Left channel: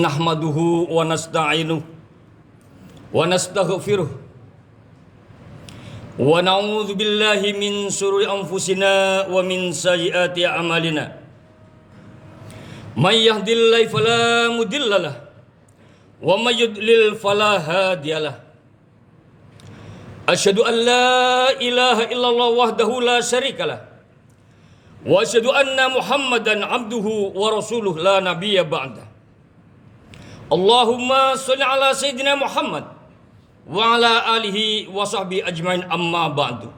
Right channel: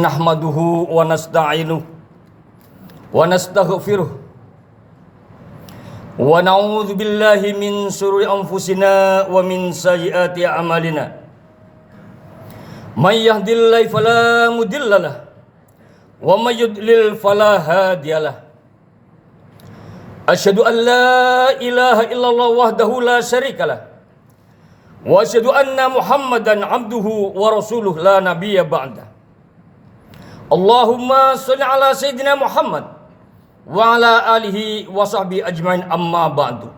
Nahmaduhu wa nasta'inuhu wa nastaghfiruh wa na'udzu billahi min syururi anfusina wa min sayyiati a'malina. May yahdihillahu fala mudhillalah wa may yudlil fala hadiyalah. Asyhadu an la ilaha illallah wahdahu la syarikalah wa asyhadu anna Muhammadan abduhu wa rasuluh la nabiyya ba'da. Allahumma sholli ala sayyidina Muhammad wa ala alihi wa sahbihi ajmain, amma ba'du.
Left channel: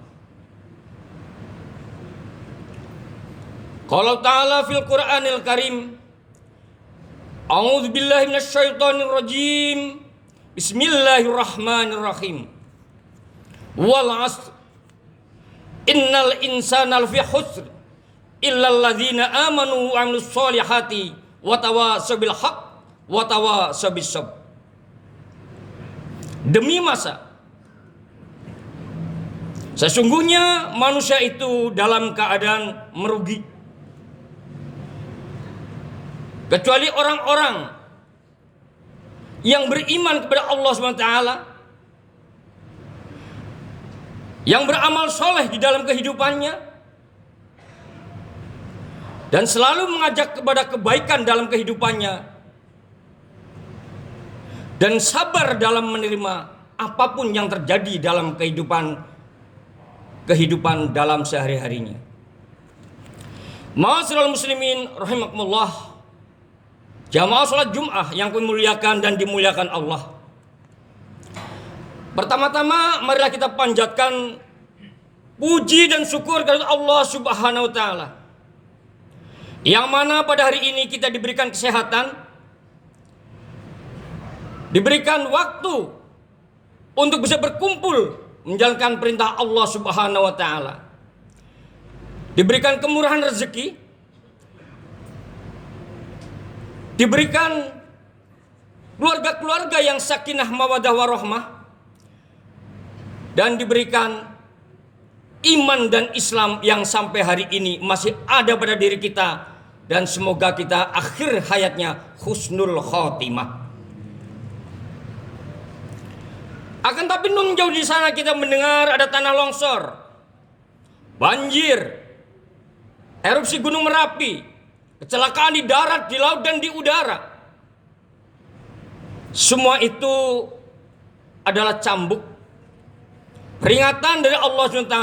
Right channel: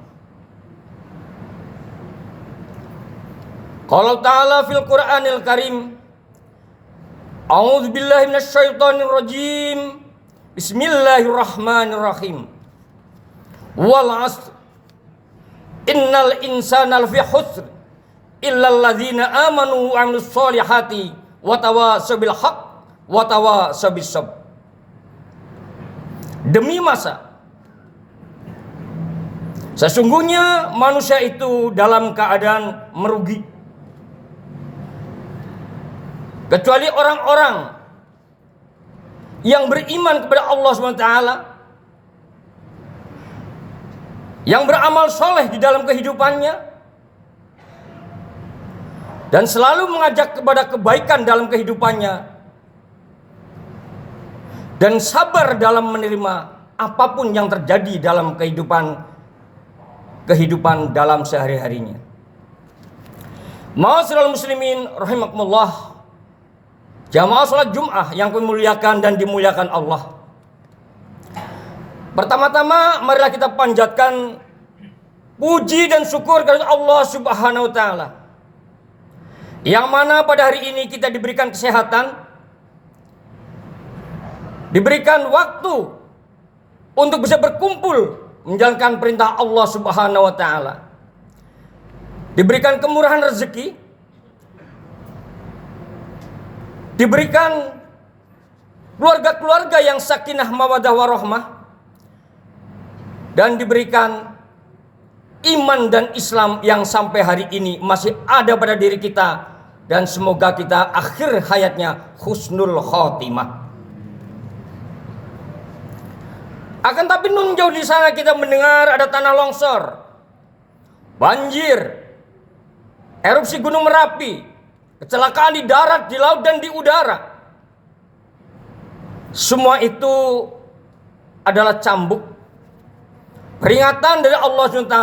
Qala ta'ala fil Qur'anil Karim, a'udzu billahi minasyaitonir rajim. Bismillahirrahmanirrahim. Wal 'asr innal insana lafi khusr illa alladzina amanu wa 'amilus solihati wa tawassaw bil haqq watawa sabisab. Demi masa, sesungguhnya manusia itu dalam keadaan merugi, kecuali orang-orang yang beriman kepada Allah SWT, yang beramal soleh di dalam kehidupannya, dan selalu mengajak kepada kebaikan dalam kehidupannya, dan sabar dalam menerima apapun yang terjadi dalam kehidupan dalam sehari-harinya. Ma'asyiral muslimin rahimakumullah, jamaah salat Jumat yang dimuliakan dan dimuliakan Allah. Pertama-tama marilah kita panjatkan puji dan syukur kepada Allah Subhanahu wa taala, yang mana pada hari ini kita diberikan kesehatan, diberikan waktu untuk bisa berkumpul menjalankan perintah Allah Subhanahu wa taala. Diberikan kemurahan rezeki, diberikan keluarga-keluarga yang sakinah mawaddah warahmah, dan diberikan iman dan Islam yang sampai hari ini masih ada pada diri kita, dan semoga kita akhir hayatnya husnul khotimah. Akan tapi nun jauh di sana kita mendengar ada tanah longsor, banjir, erupsi gunung Merapi, kecelakaan di darat, di laut, dan di udara. Semua itu adalah cambuk peringatan dari Allah SWT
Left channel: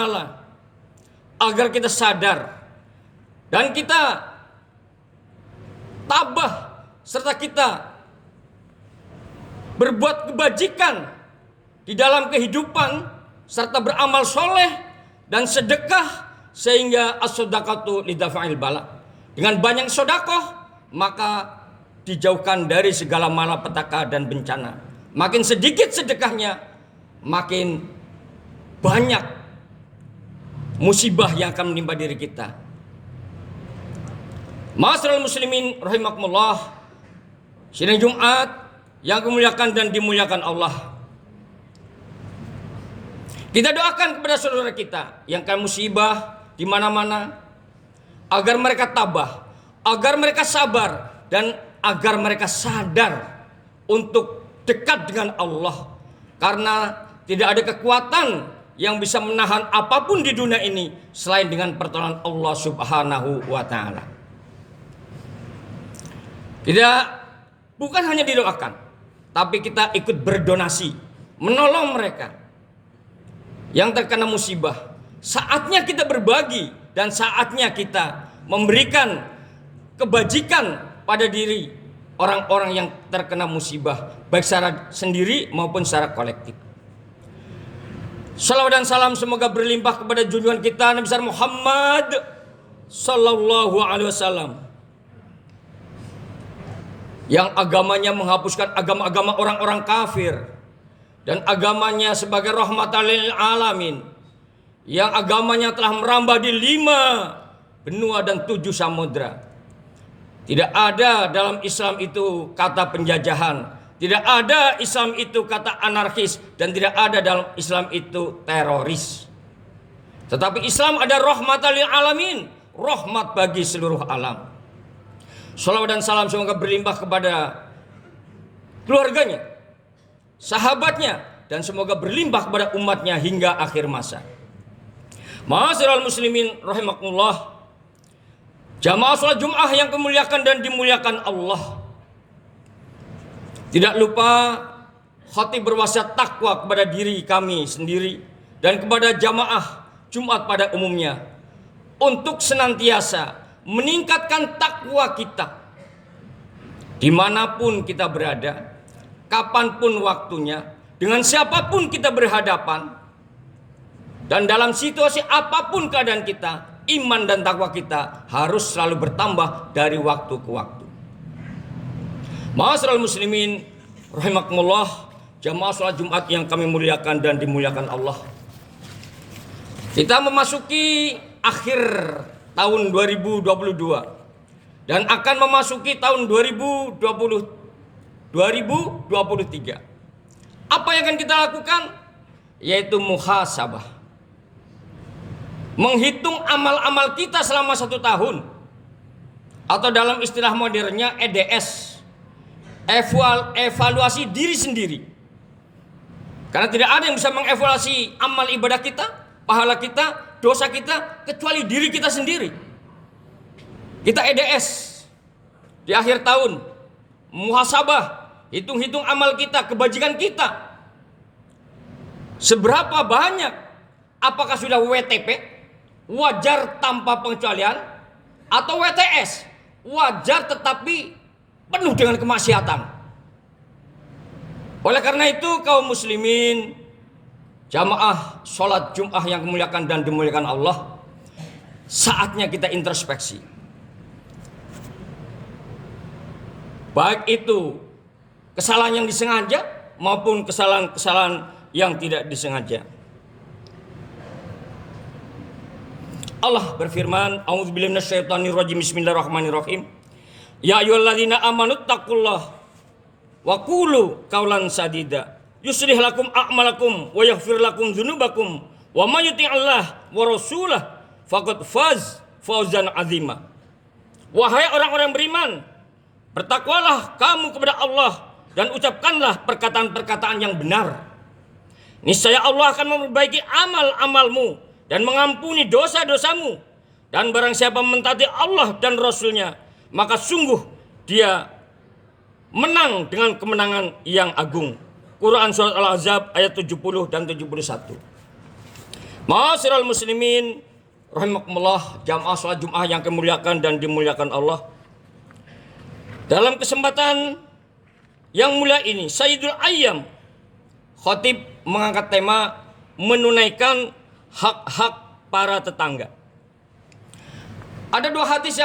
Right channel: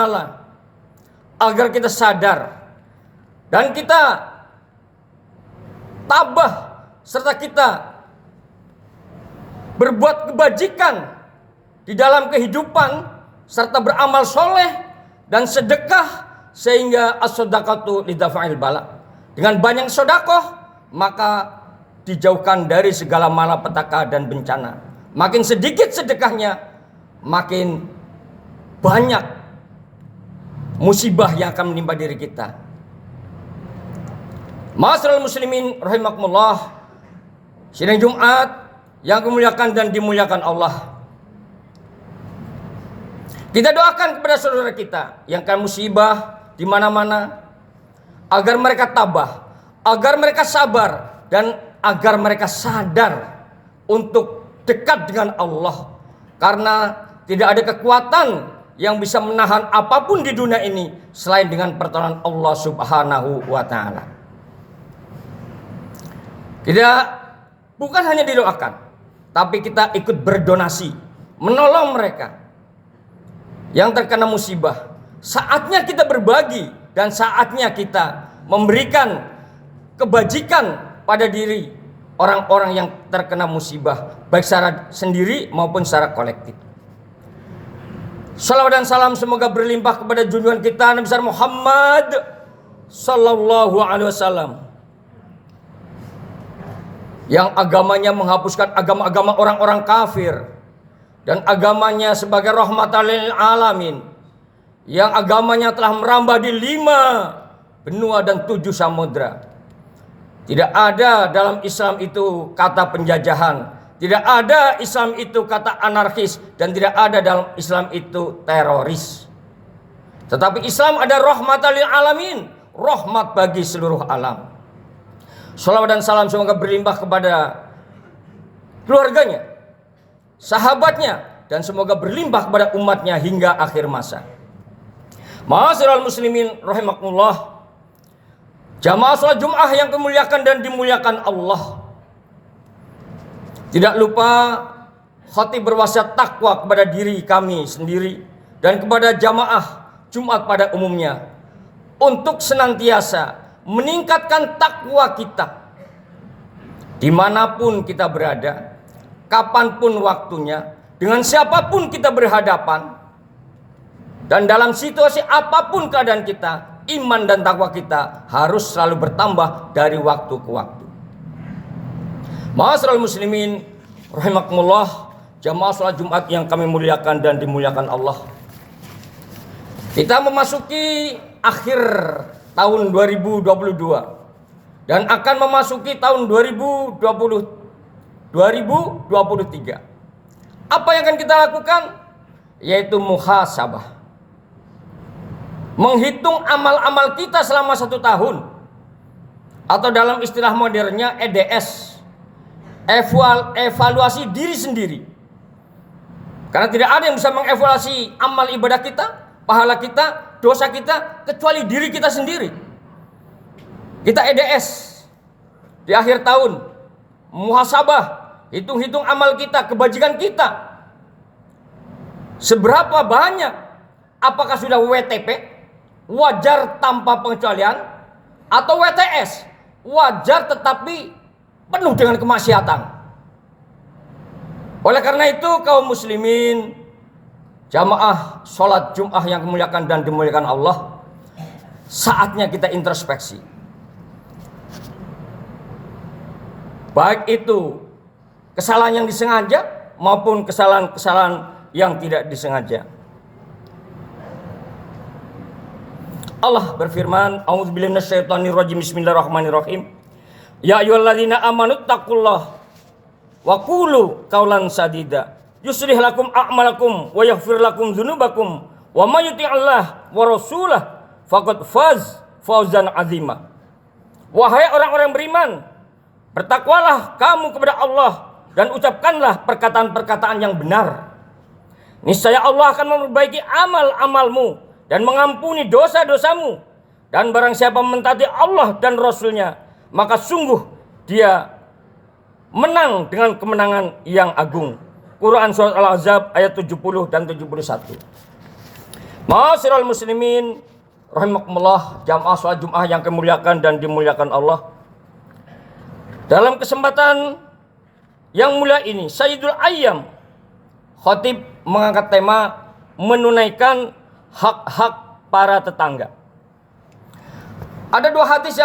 agar kita sadar dan kita tabah serta kita berbuat kebajikan di dalam kehidupan, serta beramal soleh dan sedekah, sehingga as-shadaqatu lidafa'il bala. Dengan banyak sedekah maka dijauhkan dari segala malapetaka dan bencana. Makin sedikit sedekahnya, makin banyak musibah yang akan menimpa diri kita. Ma'asyiral muslimin rahimakumullah, sidang Jumat yang dimuliakan dan dimuliakan Allah. Kita doakan kepada saudara kita yang kena musibah di mana-mana, agar mereka tabah, agar mereka sabar, dan agar mereka sadar untuk dekat dengan Allah. Karena tidak ada kekuatan yang bisa menahan apapun di dunia ini selain dengan pertolongan Allah Subhanahu wa taala. Kita bukan hanya didoakan, tapi kita ikut berdonasi, menolong mereka yang terkena musibah. Saatnya kita berbagi dan saatnya kita memberikan kebajikan pada diri orang-orang yang terkena musibah, baik secara sendiri maupun secara kolektif. Salawat dan salam semoga berlimpah kepada junjungan kita Nabi besar Muhammad sallallahu alaihi wasallam, yang agamanya menghapuskan agama-agama orang-orang kafir, dan agamanya sebagai rahmatan lil alamin, yang agamanya telah merambah di 5 benua dan 7 samudra. Tidak ada dalam Islam itu kata penjajahan, tidak ada Islam itu kata anarkis, dan tidak ada dalam Islam itu teroris. Tetapi Islam ada rahmatan lil alamin, rahmat bagi seluruh alam. Salawat dan salam semoga berlimpah kepada keluarganya, sahabatnya, dan semoga berlimpah kepada umatnya hingga akhir masa. Ma'asyiral muslimin rahimakumullah, jamaah sholat Jum'ah yang kemuliakan dan dimuliakan Allah. Tidak lupa khatib berwasiat takwa kepada diri kami sendiri dan kepada jamaah Jumat pada umumnya untuk senantiasa meningkatkan takwa kita dimanapun kita berada, kapanpun waktunya, dengan siapapun kita berhadapan, dan dalam situasi apapun keadaan kita, iman dan takwa kita harus selalu bertambah dari waktu ke waktu. Ma'asyiral muslimin rahimakumullah, jamaah sholat Jumat yang kami muliakan dan dimuliakan Allah. Kita memasuki akhir tahun 2022 dan akan memasuki tahun 2023. Apa yang akan kita lakukan? Yaitu muhasabah. Menghitung amal-amal kita selama 1 tahun, atau dalam istilah modernnya EDS, evaluasi diri sendiri. Karena tidak ada yang bisa mengevaluasi amal ibadah kita, pahala kita, dosa kita, kecuali diri kita sendiri. Kita EDS di akhir tahun, muhasabah, hitung-hitung amal kita, kebajikan kita. Seberapa banyak? Apakah sudah WTP, wajar tanpa pengecualian, atau WTS, wajar tetapi penuh dengan kemaksiatan? Oleh karena itu kaum muslimin, jamaah sholat Jum'ah yang kemuliakan dan dimuliakan Allah, saatnya kita introspeksi. Baik itu kesalahan yang disengaja maupun kesalahan-kesalahan yang tidak disengaja. Allah berfirman, a'udzubillahi minasyaitonirrajim, bismillahirrahmanirrahim. Ya ayyuhalladzina amanu taqullaha wa qulu qaulan sadida yuslih lakum a'malakum wa yaghfir lakum dzunubakum wa may yuti'illah wa rasulahu faqad fawzan 'azima. Wahai orang-orang beriman, bertakwalah kamu kepada Allah dan ucapkanlah perkataan-perkataan yang benar. Niscaya Allah akan memperbaiki amal-amalmu dan mengampuni dosa-dosamu. Dan barang siapa mentaati Allah dan Rasulnya, maka sungguh dia menang dengan kemenangan yang agung. Quran Surat Al-Ahzab ayat 70 dan 71. Ma'asyiral muslimin rahimakumullah, jamaah sholat Jum'ah yang kemuliakan dan dimuliakan Allah. Dalam kesempatan yang mulia ini, Sayyidul Ayyam, khatib mengangkat tema menunaikan hak-hak para tetangga. Ada 2 hadis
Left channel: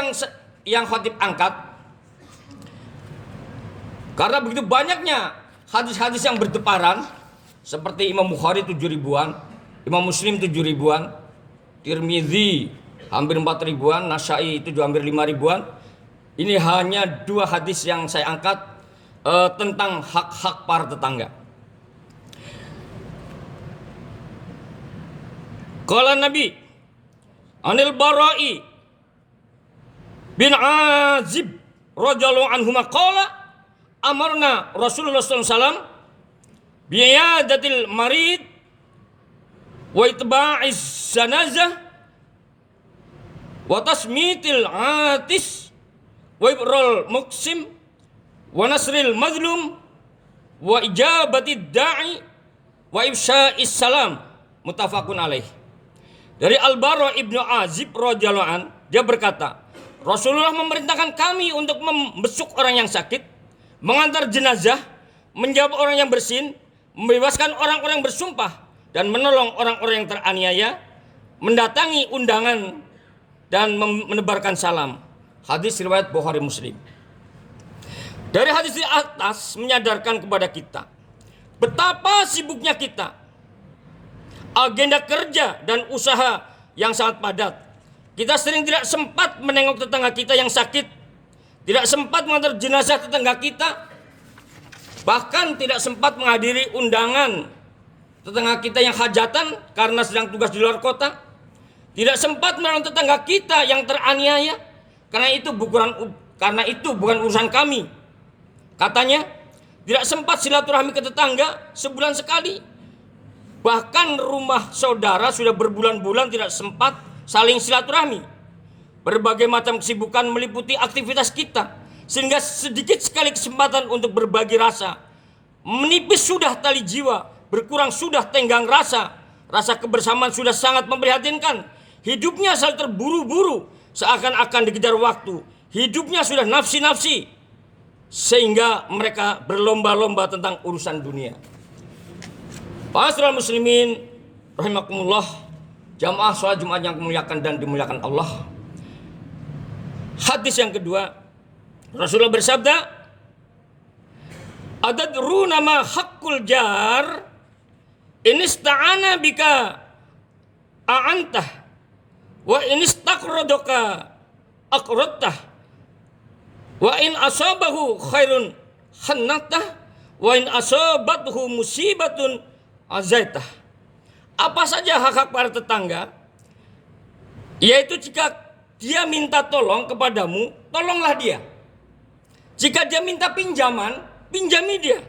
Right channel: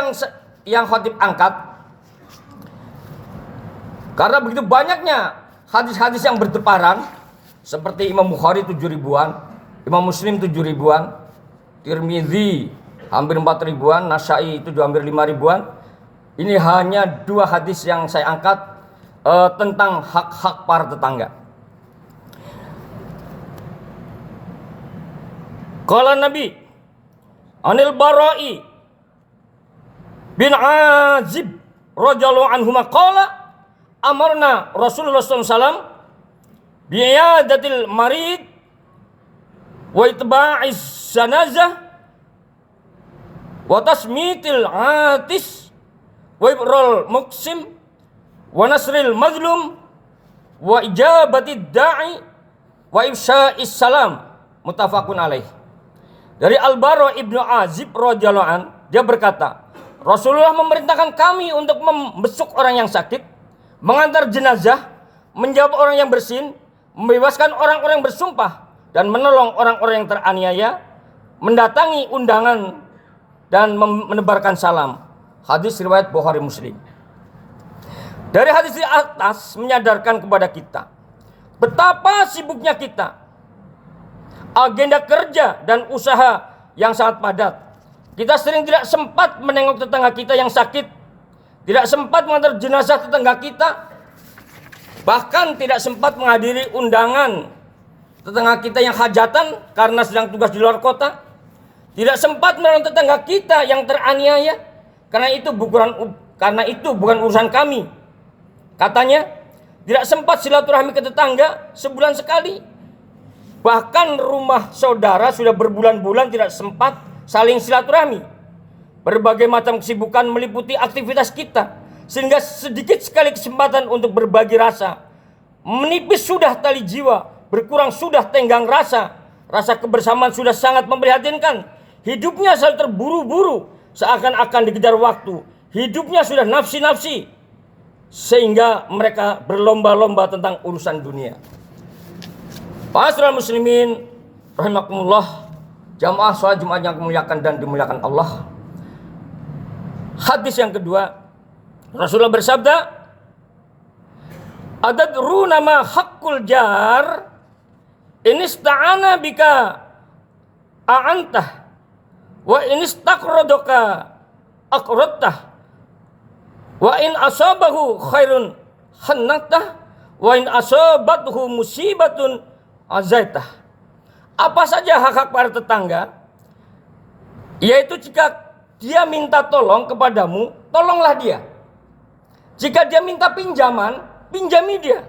yang khatib angkat. Karena begitu banyaknya hadis-hadis yang berdeparan, seperti Imam Bukhari 7 ribuan, Imam Muslim 7 ribuan, Tirmidzi hampir 4 ribuan, Nasai itu hampir 5 ribuan. Ini hanya 2 hadis yang saya angkat tentang hak-hak para tetangga. Qala Nabi Anil Bara'i bin Azib radhiyallahu anhu qala amarna Rasulullah SAW bi'iyadatil marid wa itba'iz janazah wa tasmitil atis wa ibrul muqsim wa nasril mazlum wa ijabatid da'i wa ifsya'is salam, muttafaqun alaih. Dari Al-Bara ibnu Azib radhiyallahu an, dia berkata, Rasulullah memerintahkan kami untuk membesuk orang yang sakit, mengantar jenazah, menjawab orang yang bersin, membebaskan orang-orang yang bersumpah, dan menolong orang-orang yang teraniaya, mendatangi undangan, dan menebarkan salam. Hadis riwayat Bukhari Muslim. Dari hadis di atas menyadarkan kepada kita betapa sibuknya kita, agenda kerja dan usaha yang sangat padat. Kita sering tidak sempat menengok tetangga kita yang sakit, tidak sempat mengantar jenazah tetangga kita, bahkan tidak sempat menghadiri undangan tetangga kita yang hajatan karena sedang tugas di luar kota, tidak sempat menolong tetangga kita yang teraniaya karena itu bukan urusan kami. Katanya, tidak sempat silaturahmi ke tetangga sebulan sekali. Bahkan rumah saudara sudah berbulan-bulan tidak sempat saling silaturahmi. Berbagai macam kesibukan meliputi aktivitas kita, sehingga sedikit sekali kesempatan untuk berbagi rasa. Menipis sudah tali jiwa, berkurang sudah tenggang rasa. Rasa kebersamaan sudah sangat memprihatinkan. Hidupnya selalu terburu-buru, seakan-akan dikejar waktu. Hidupnya sudah nafsi-nafsi, sehingga mereka berlomba-lomba tentang urusan dunia. Ma'asyiral muslimin rahimakumullah, jamaah sholat Jumat yang dimuliakan dan dimuliakan Allah. Hadis yang kedua, Rasulullah bersabda, "Adadruna ma haqqul jar, in ista'ana bika a'antah, wa in istaqradaka aqradtah, wa in asabahu khairun hannatah, wa in asabathu musibatun azaitah." Apa saja hak-hak para tetangga, yaitu jika dia minta tolong kepadamu, tolonglah dia. Jika dia minta pinjaman, pinjami dia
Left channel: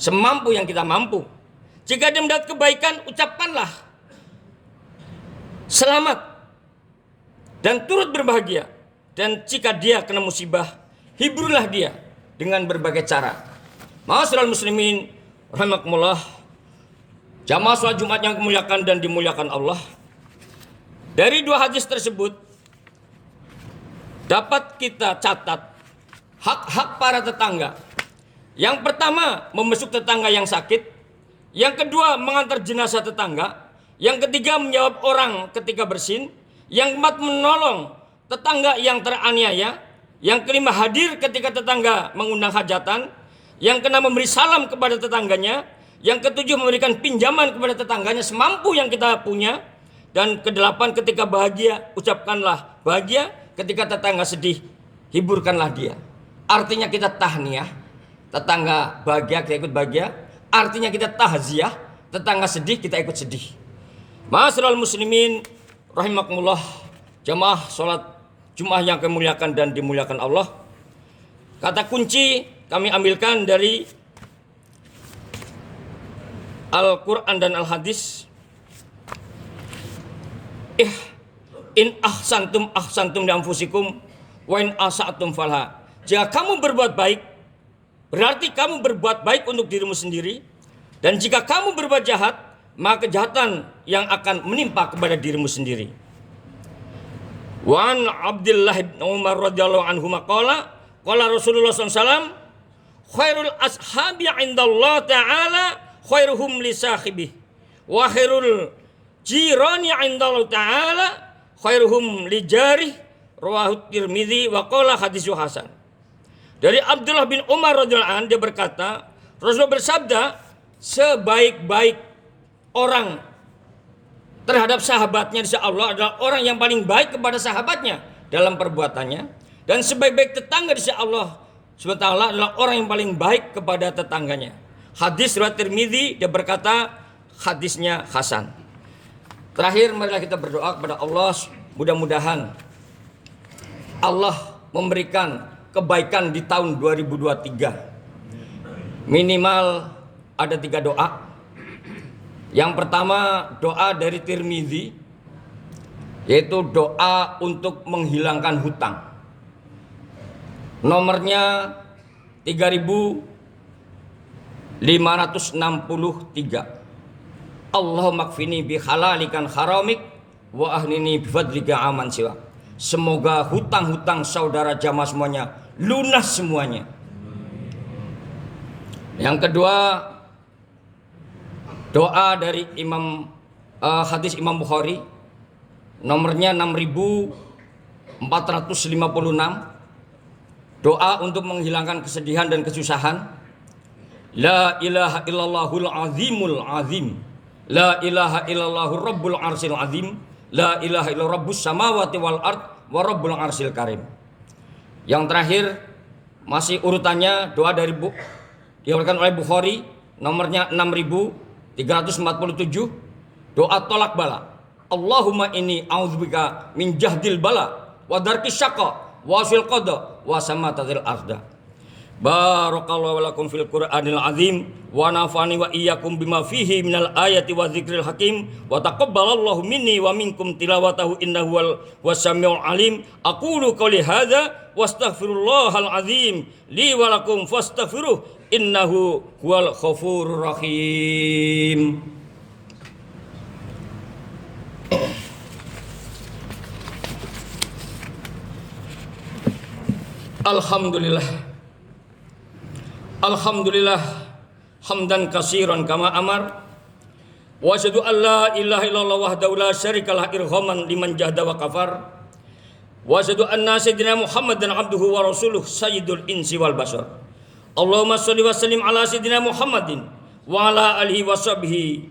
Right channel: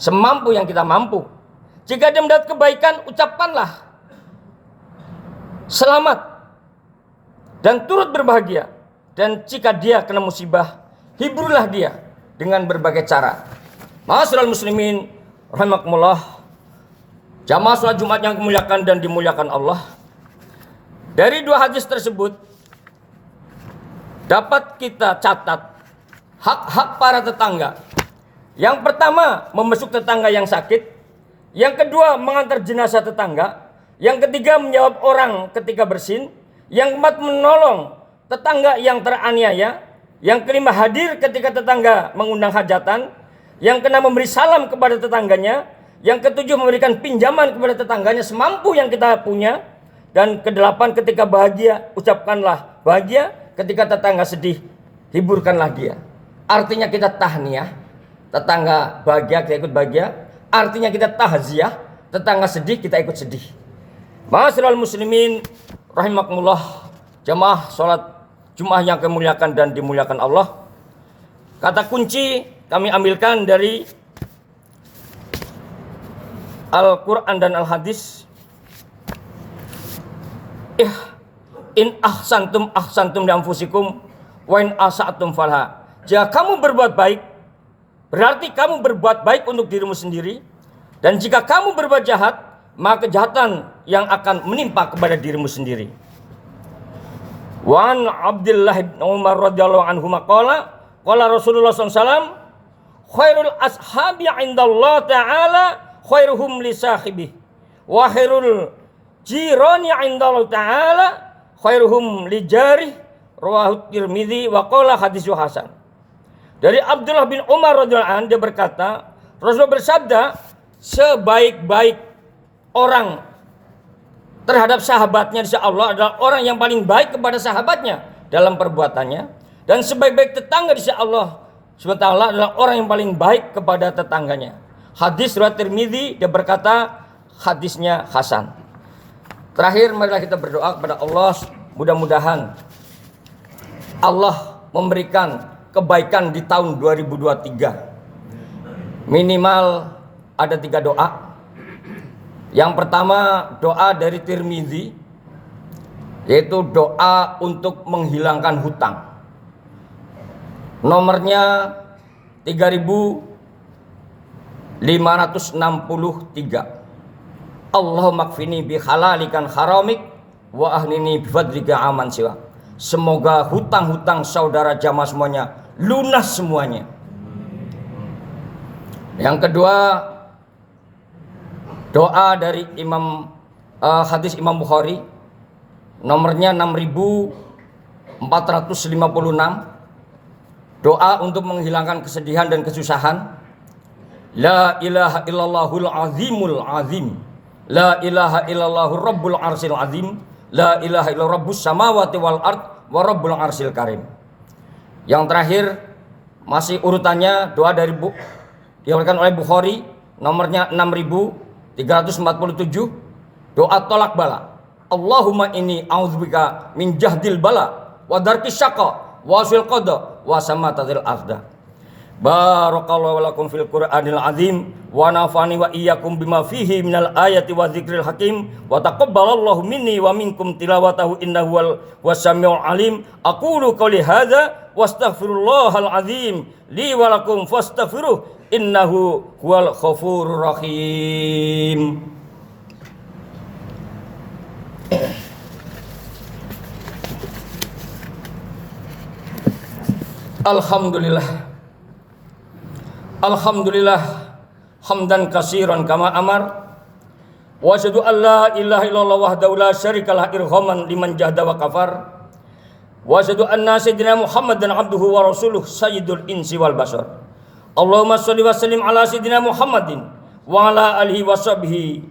semampu yang kita mampu. Jika dia mendapat kebaikan, ucapkanlah selamat dan turut berbahagia. Dan jika dia kena musibah, hiburlah dia dengan berbagai cara. Ma'asyiral muslimin rahimakumullah, jamaah sholat Jumat yang dimuliakan dan dimuliakan Allah. Dari dua hadis tersebut dapat kita catat hak-hak para tetangga. Yang pertama, membesuk tetangga yang sakit. Yang kedua, mengantar jenazah tetangga. Yang ketiga, menjawab orang ketika bersin. Yang keempat, menolong tetangga yang teraniaya. Yang kelima, hadir ketika tetangga mengundang hajatan. Yang keenam, memberi salam kepada tetangganya. Yang ketujuh, memberikan pinjaman kepada tetangganya semampu yang kita punya. Dan kedelapan, ketika bahagia, ucapkanlah bahagia. Ketika tetangga sedih, hiburkanlah dia. Artinya kita tahniah, tetangga bahagia, kita ikut bahagia. Artinya kita tahziah, tetangga sedih, kita ikut sedih. Ma'asyiral muslimin rahimakumullah, jamaah sholat Jumat yang kemuliakan dan dimuliakan Allah. Kata kunci kami ambilkan dari Al-Quran dan Al-Hadis. In ahsantum ahsantum li anfusikum wa in asa'tum falha. Jika kamu berbuat baik, berarti kamu berbuat baik untuk dirimu sendiri. Dan jika kamu berbuat jahat, maka kejahatan yang akan menimpa kepada dirimu sendiri. Wa an Abdullah bin Umar radhiyallahu anhu maqala qala Rasulullah SAW, khairul ashabi indallah ta'ala khairuhum li sahibi wa khairul jirani indallah ta'ala khairuhum li jarih, rawahu Tirmidzi wa qala haditsu hasan. Dari Abdullah bin Umar radhiyallahu anhu, dia berkata, Rasulullah bersabda, sebaik-baik orang terhadap sahabatnya di sisi Allah adalah orang yang paling baik kepada sahabatnya dalam perbuatannya, dan sebaik-baik tetangga di sisi Allah SWT adalah orang yang paling baik kepada tetangganya. Hadis riwayat Tirmidzi, dia berkata hadisnya hasan. Terakhir, marilah kita berdoa kepada Allah, mudah-mudahan Allah memberikan kebaikan di tahun 2023. Minimal ada 3 doa. Yang pertama, doa dari Tirmidzi, yaitu doa untuk menghilangkan hutang. Nomornya 3563. Allahumma kfini bi halalikan haramik wa ahnini bi fadlika aman siwa. Semoga hutang-hutang saudara jamaah semuanya lunas semuanya. Yang kedua, doa dari hadis Imam Bukhari, nomornya 6456. Doa untuk menghilangkan kesedihan dan kesusahan. La ilaha illallahul azimul azim. La ilaha illallahur rabbul arsil azim. La ilaha illallah rabbus samawati wal ard wa rabbul arsil karim. Yang terakhir, masih urutannya doa dari diriwayatkan oleh Bukhari, nomornya 6347. Doa tolak bala. Allahumma inni a'udzubika min jahdil bala wa darkis syaqa wa sil qada wa samatatil arda. Barakallahu lakum fil Qur'anil azim wa nafani wa iyyakum bima fihi minal ayati wa dzikril hakim wa taqabbalallahu minni wa minkum tilawatahu innahu was-sami'ul alim. Aqulu qouli hadza wastaghfirullahal azim li wa lakum fastaghfiruh innahu huwal ghafurur rahim. Alhamdulillah hamdan katsiran kama amar wa asyhadu an la ilaha illallah wahdahu la syarikalah irhaman liman jahada wa kafar wa asyhadu anna sayyidina Muhammadan abduhu wa rasuluh sayyidul insi wal bashar. Allahumma shalli wa sallim ala sayyidina Muhammadin wa ala alihi wa sahbihi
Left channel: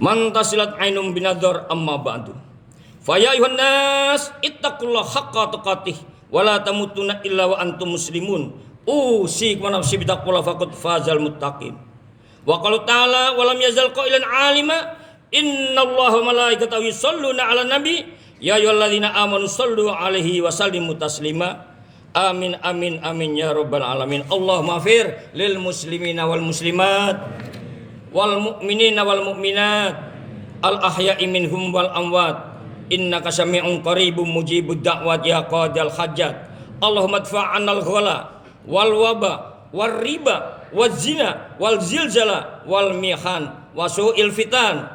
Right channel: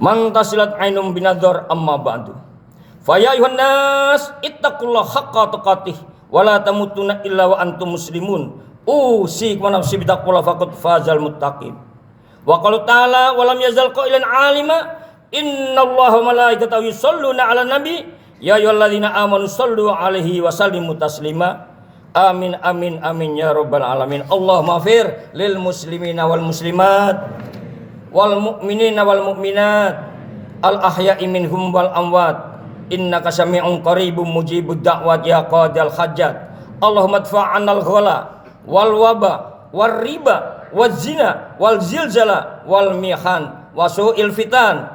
man tasilat ainum binadhar amma ba'du. Fa ya ayuhan nas ittaqullaha haqqa tuqatih wa la tamutunna illa wa antum muslimun. Usikum wa nafsi bittaqwa faqad fazal muttaqin. Wa qala ta'ala wa lam yazal qailan 'alima innallaha wa malaikatahu yusholluna 'alan nabi ya ayyuhalladzina amanu shollu 'alaihi wa sallimu taslima. Amin amin amin ya rabbal alamin. Allahumma fir lil muslimina wal muslimat wal mu'minina wal mu'minat al ahya'i minhum wal amwat innaka sami'un qaribun mujibud da'wat ya qadil hajat. Allahumma adfa'anal ghala wal waba wal riba wal zina wal zilzala wal mihan wa su'il fitan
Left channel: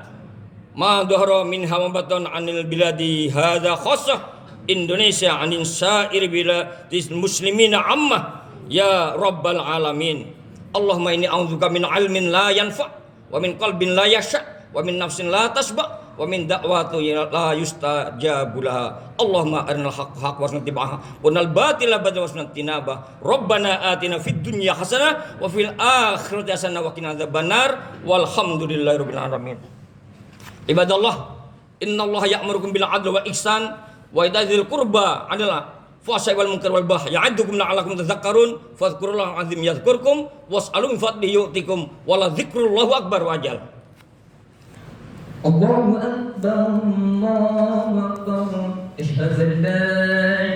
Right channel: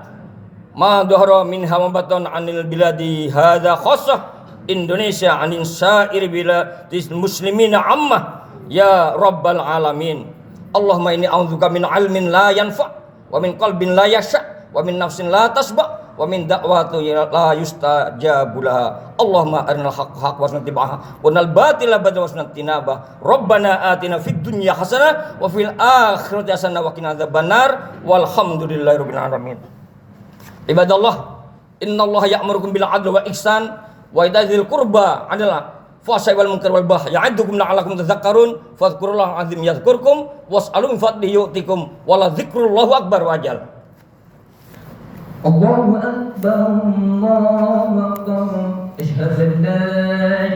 ma dhahara minha wa batan anil biladi hadza khassah Indonesia anin sa'ir biladil muslimina amma ya rabbal alamin. Allahumma inni a'udzubika min ilmin la yanfa wa min qalbin la yasha wa min nafsin la tasba wa min da'watin la yustajabu laha. Allahumma arinal haqqa haqqan warzuqna ittiba'ahu wa arinal batila batilan warzuqna ijtinabah. Rabbana atina fid dunya hasanah wa fil akhirati hasanah wa qina adzabannar. Walhamdulillahirabbil alamin. Ibadallah, innallaha ya'murukum bil 'adli wa ihsan wa ita'i dzil qurba 'adla fahsya'i wal munkari wal baghi ya'idukum la'allakum tadhakkarun fadhkurullaha 'azim yadhkurkum was'alu min fadlihi yu'tikum wa la dzikrullahu akbar wa ajal. Allahu akbar Allahu akbar. Asyhadu an la